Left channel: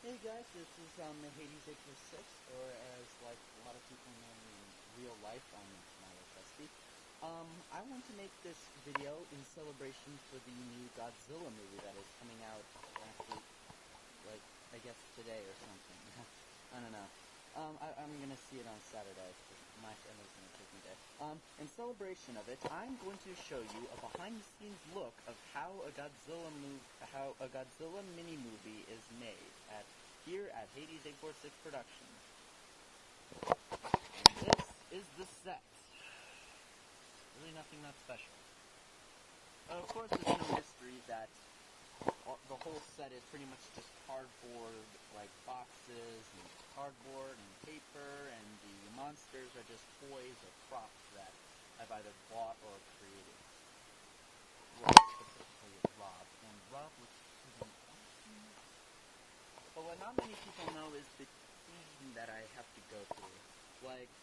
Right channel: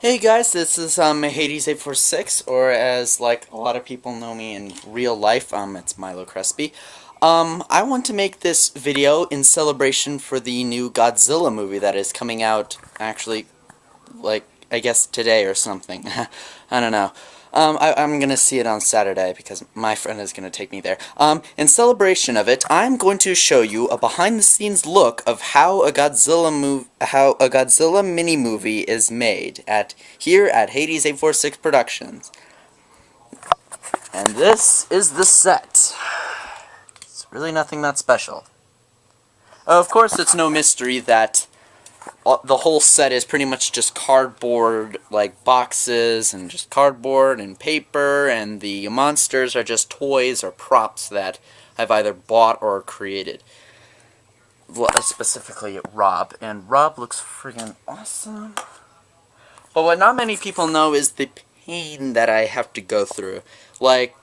Hey guys, this is Hades846, or as like a lot of people know me in real life, it's Milo Crespi. I want to make this video in celebration for the new Godzilla movie that is coming out actually like I guess today or something. I don't know. I'm gonna see it on Saturday because my friend is gonna take me there. In celebration of it, I'm going to show you a behind-the-scenes look of how a Godzilla mini movie is made here at Hades846 Productions. And this is the set. It's really nothing that special. Of course, it's no mystery that the whole set is pretty much just cardboard, like boxes, and just cardboard and paper, and the monsters are just toys or props that I've either bought or created. Specifically Rob, and Rob looks friggin' awesome. But what not many people know is the pain that I have to go through. Like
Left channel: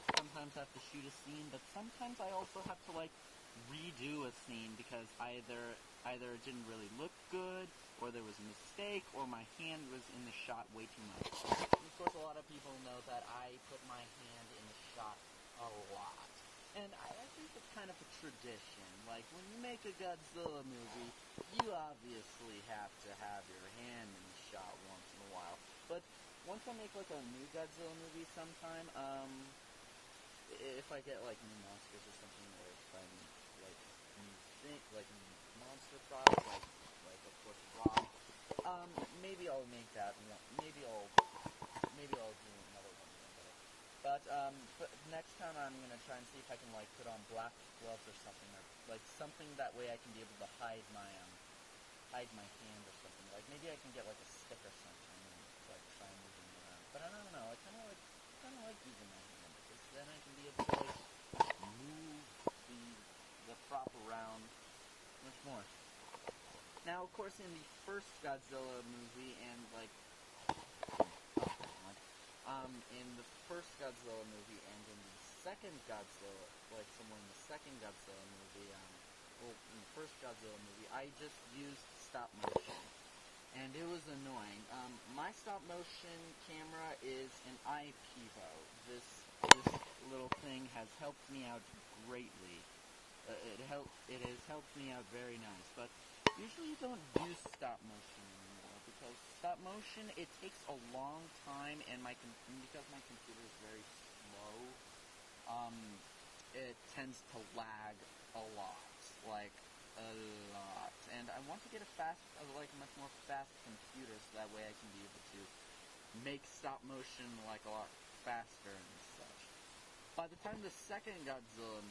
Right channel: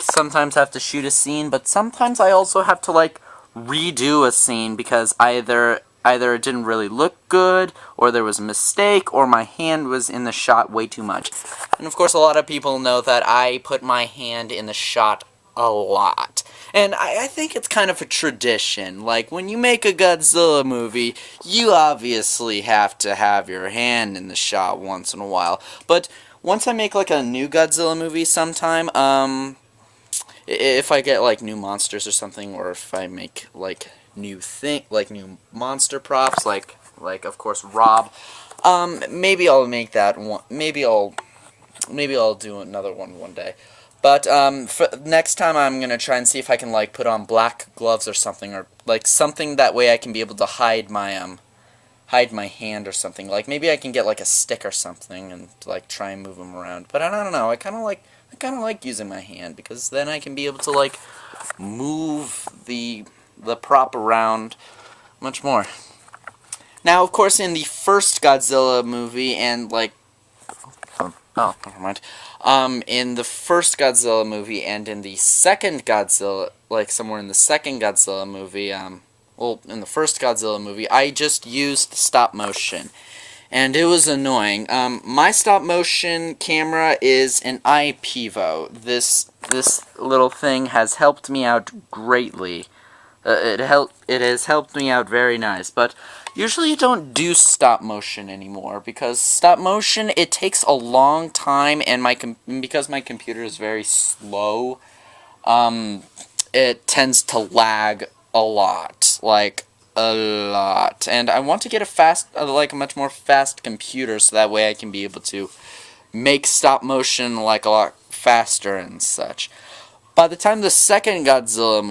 sometimes I have to shoot a scene, but sometimes I also have to like redo a scene because either it didn't really look good, or there was a mistake, or my hand was in the shot way too much. And of course a lot of people know that I put my hand in the shot a lot. And I think it's kind of a tradition. Like, when you make a Godzilla movie, you obviously have to have your hand in the shot once in a while. But once I make, like, a new Godzilla movie sometime, if I get, like, new monsters or something, or if I make, like, new monster props, like, of course, Rob, maybe I'll make that one, maybe I'll do another one day. But, for next time I'm gonna try and see if I can, like, put on black gloves or something, or, like, something that way I can be able to hide my hand or something. Like, maybe I can get, like, a stick or something and, like, try and move them around. But I don't know, I kinda like using my hand, because then I can be able to, like, move the prop around much more. Now, of course, in the first Godzilla movie, and, like, oh, never mind. In the first Godzilla movie and in the second Godzilla, like somewhere in the second Godzilla movie, well, in the first Godzilla movie, I just used stop motion. And it was annoying. My stop motion camera is an iPivo. This little thing has helped me out greatly. It has helped me out very nice, but usually you don't do stop motion anymore, because stop motion, it takes a long time, and because my computer is very slow, it tends to lag a lot, like, a lot, and I want to get a much more fast computer, so that way I can be able to make stop motion, like, a lot faster and such. By the time my second Godzilla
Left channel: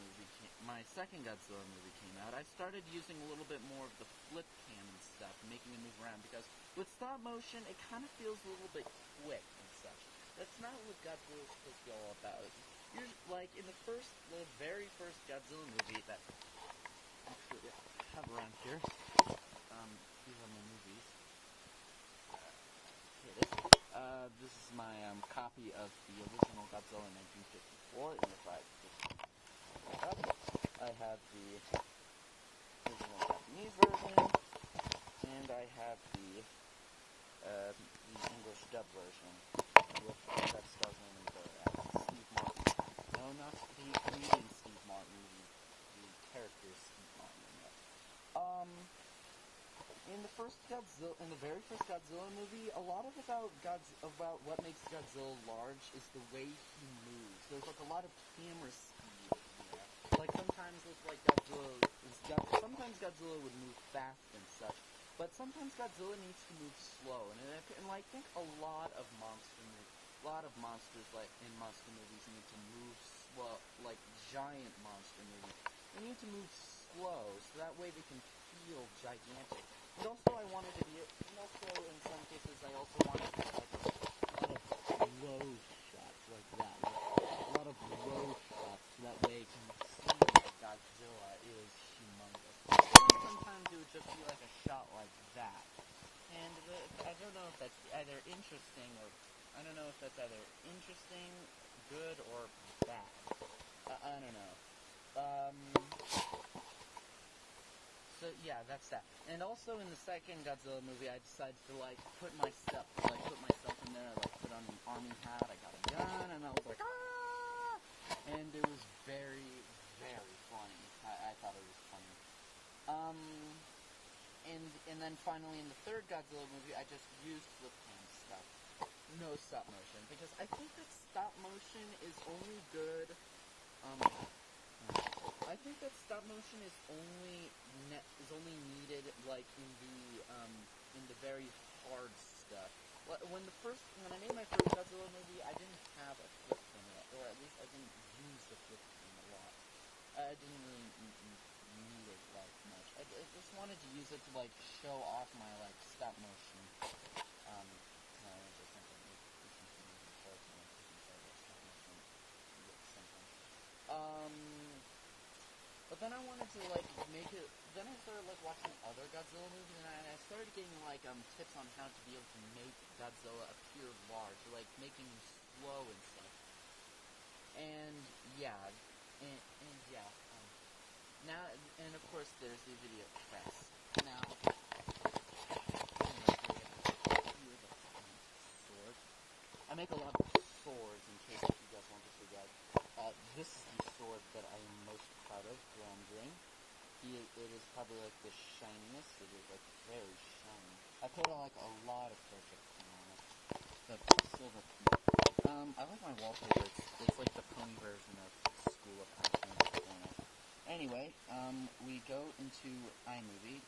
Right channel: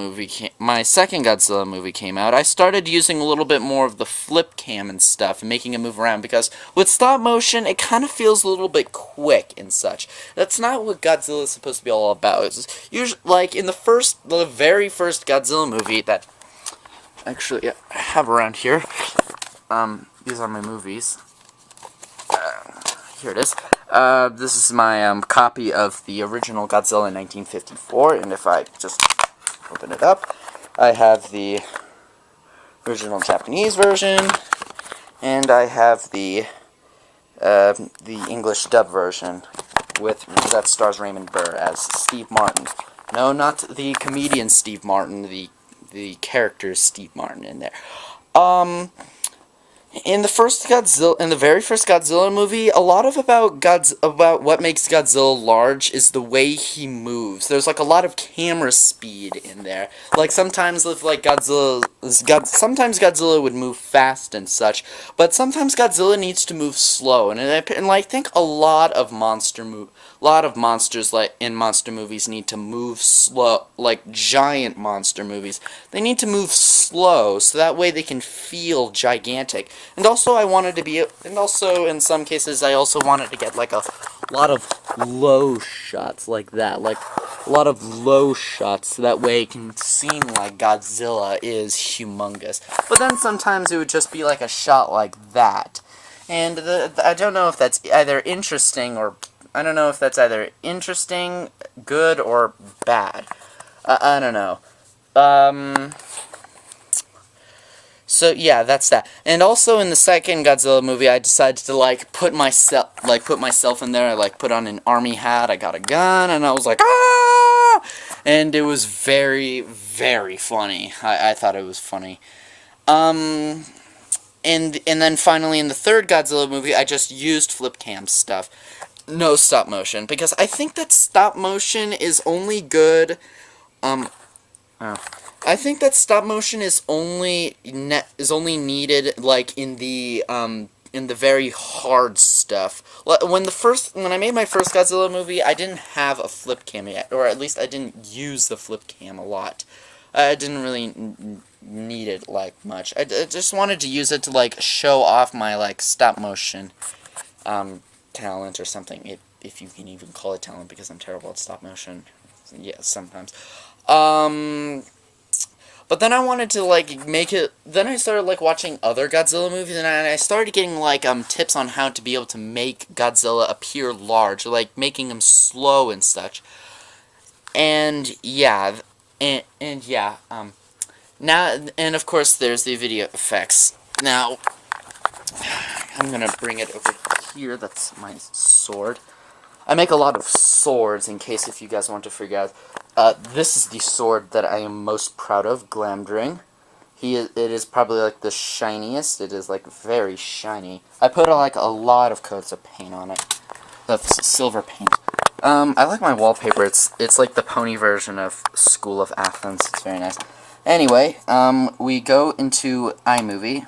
movie came out, I started using a little bit more of the flip cam and stuff, and making it move around, because with stop motion, it kind of feels a little bit quick and such. That's not what Godzilla is supposed to be all about. It's usually, like, in the very first Godzilla movie that, actually, I have around here, these are my movies. Here it is. This is my copy of the original Godzilla in 1954, and if I just open it up, I have the original Japanese version, and I have the English dub version that stars Raymond Burr as Steve Martin. No, not the comedian Steve Martin, the character Steve Martin in there. In the very first Godzilla movie, a lot of about what makes Godzilla large is the way he moves. There's like a lot of camera speed in there. Like sometimes with like sometimes Godzilla would move fast and such, but sometimes Godzilla needs to move slow. And I think a lot of monsters like in monster movies need to move slow, like giant monster movies. They need to move slow so that way they can feel gigantic. And also in some cases I also wanted to get like a lot of low shots like that, like a lot of low shots so that way it can seem like Godzilla is humongous. But then sometimes it would just be like a shot like that. And I don't know if that's either interesting, good, or bad. I don't know. So yeah, that's that. And also in the second Godzilla movie, I decided to put myself in there. I put on an army hat. I got a gun, and I was like, ah! And it was very, very funny. I thought it was funny. And then finally in the third Godzilla movie, I just used flip cam stuff. No stop motion, because I think that stop motion is only good, oh. I think that stop motion is only needed, in the very hard stuff. When I made my first Godzilla movie, I didn't have a flip cam yet, or at least I didn't use the flip cam a lot. I didn't really need it, much. I just wanted to use it to, show off my, stop motion, talent or something, if you can even call it talent, because I'm terrible at stop motion. Yeah, sometimes. But then I wanted to, make it... Then I started, watching other Godzilla movies, and I started getting, tips on how to be able to make Godzilla appear large, making him slow and such. And, yeah, now, and of course, there's the video effects. Now, I'm gonna bring it over here. That's my sword. I make a lot of swords, in case if you guys want to figure out. This is the sword that I am most proud of, Glamdring. It is probably, the shiniest. It is, very shiny. I put, a lot of coats of paint on it. That's silver paint. I like my wallpaper. It's like the pony version of School of Athens. It's very nice. Anyway, we go into iMovie.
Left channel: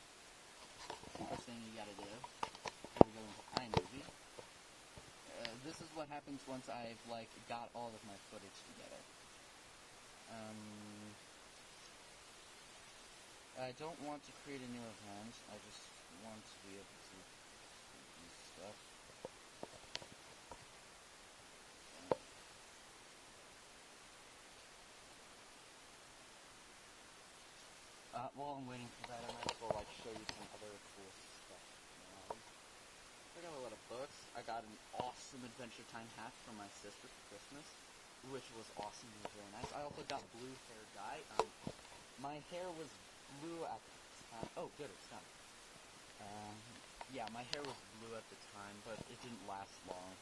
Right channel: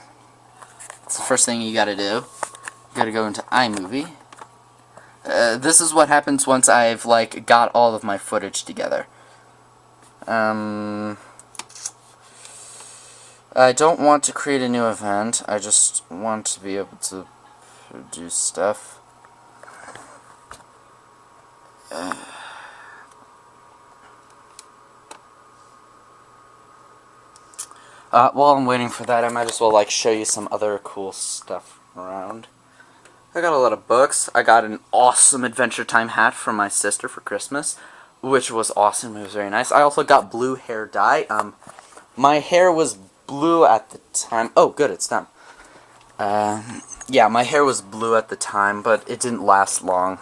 It's the first thing you gotta do. You gotta go into iMovie. This is what happens once I've, got all of my footage together. I don't want to create a new event. I just want to be able to do stuff. While I'm waiting for that, I might as well, show you some other cool stuff around. I got a lot of books. I got an awesome Adventure Time hat from my sister for Christmas, which was awesome. It was very nice. I also got blue hair dye. My hair was blue at the time. Oh, good, it's done. Yeah, my hair was blue at the time, but it didn't last long.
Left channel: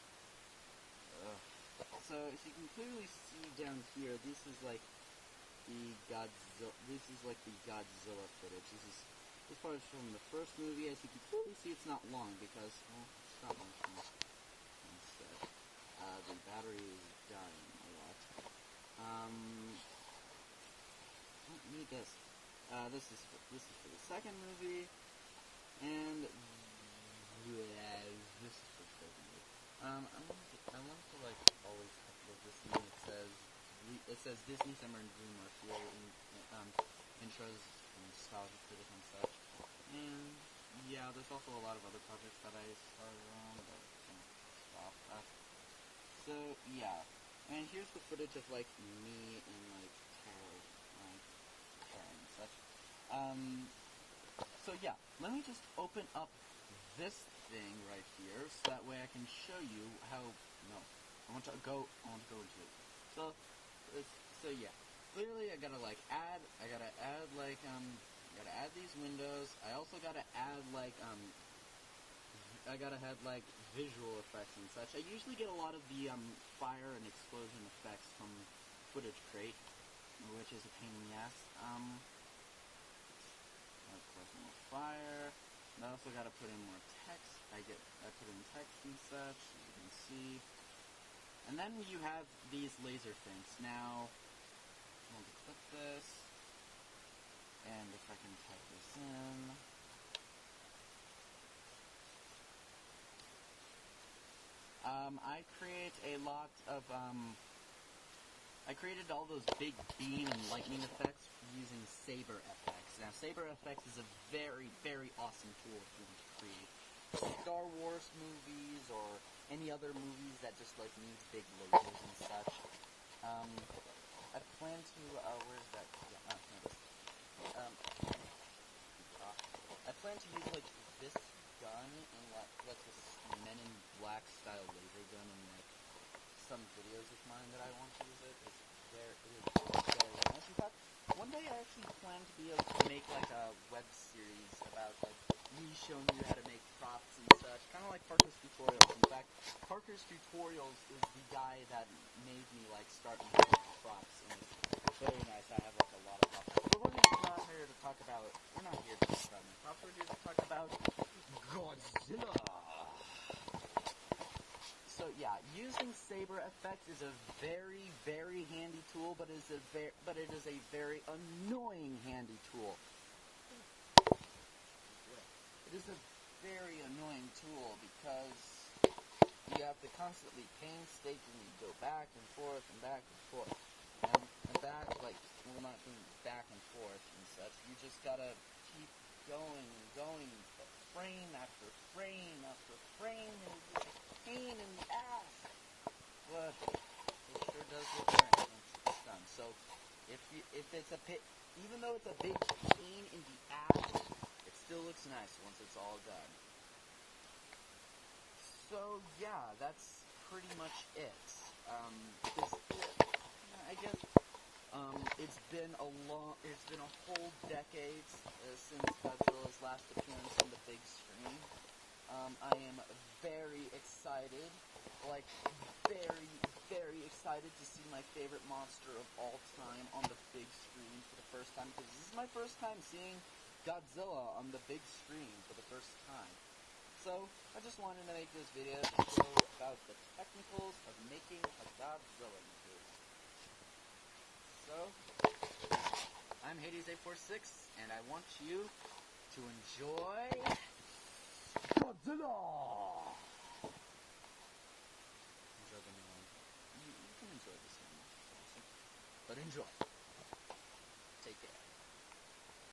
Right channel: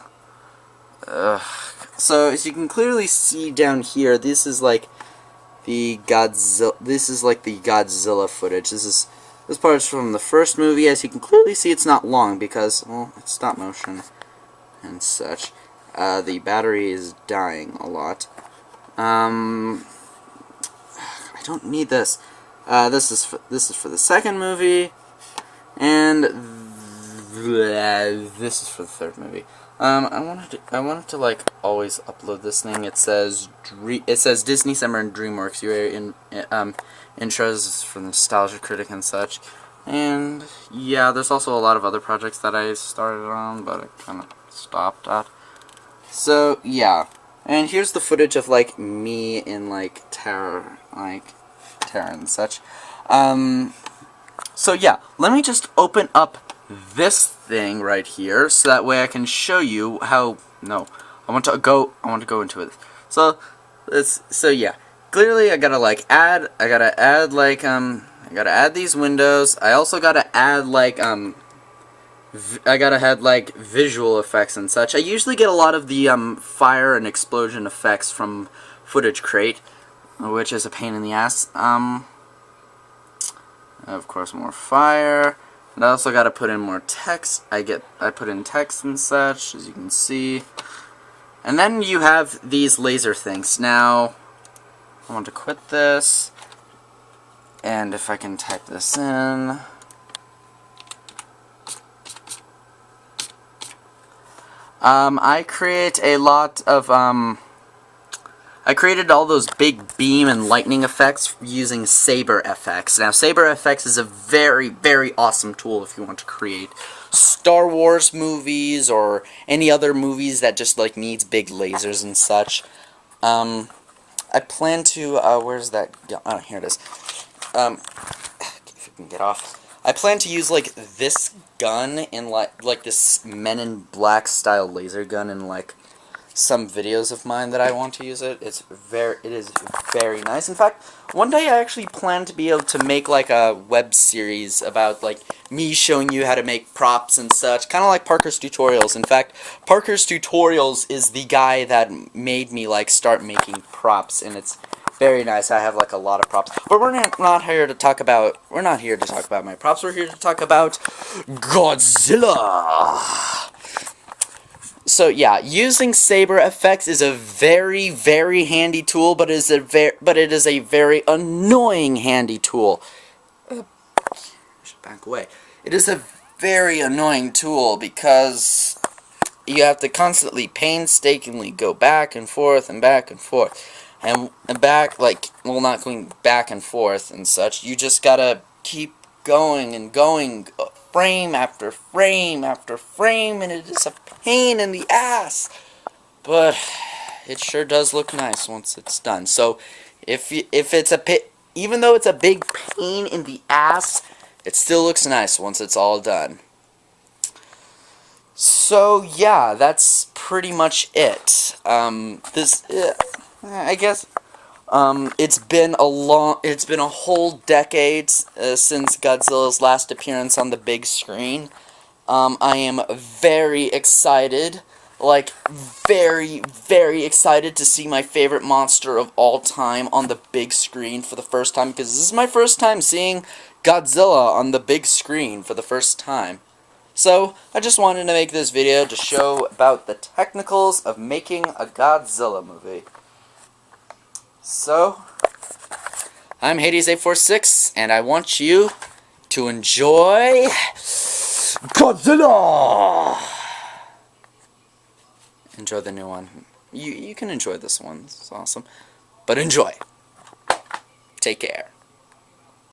So, as you can clearly see down here, this is, the Godzilla. This is, the Godzilla footage. This part is from the first movie. As you can clearly see, it's not long because, well, it's stop motion and such. The battery is dying a lot. I don't need this. This is for the second movie, and this is for the third movie. I wanted to always upload this thing. It says Disney Summer and DreamWorks. You are in intros for Nostalgia Critic and such. And yeah, there's also a lot of other projects that I started on, but I kind of stopped at. So yeah, and here's the footage of me in Terror and such. So yeah, let me just open up this thing right here, so that way I can show you how. No, I want to go into it. So yeah, clearly I gotta add. I gotta add these windows. I also gotta add I gotta add visual effects and such. I usually get a lot of the fire and explosion effects from Footage Crate, which is a pain in the ass. Of course, more fire. And I also gotta put in more text. I put in text and such, as you can see. And then you have these laser things. Now, I want to quit this. And if I can type this in. I create a lot of, I created all those big beam and lightning effects using Saber FX. Now, Saber FX is a very, very awesome tool if you want to create Star Wars movies or any other movies that just, needs big lasers and such. I plan to, where's that? Oh, here it is. If you can get off. I plan to use, this gun in, this Men in Black style laser gun in, some videos of mine that I want to use it. It is very nice. In fact, one day I actually plan to be able to make like a web series about like me showing you how to make props and such, kind of like Parker's Tutorials. In fact, Parker's Tutorials is the guy that made me like start making props, and it's very nice. I have like a lot of props, but we're not here to talk about. We're not here to talk about my props. We're here to talk about Godzilla. So yeah, using saber effects is a very, very handy tool, but it is a very annoying handy tool. I should back away. It is a very annoying tool because you have to constantly painstakingly go back and forth and back and forth. And back, like, well, not going back and forth and such. You just gotta keep going and going, frame after frame after frame, and it is a pain in the ass. But it sure does look nice once it's done. So if it's even though it's a big pain in the ass, it still looks nice once it's all done. So yeah, that's pretty much it. I guess it's been a whole decade since Godzilla's last appearance on the big screen. I am very excited, like very, very excited to see my favorite monster of all time on the big screen for the first time, because this is my first time seeing Godzilla on the big screen for the first time. So, I just wanted to make this video to show about the technicals of making a Godzilla movie. So, I'm Hades846, and I want you to enjoy Godzilla! Enjoy the new one. You can enjoy this one, it's awesome. But enjoy. Take care.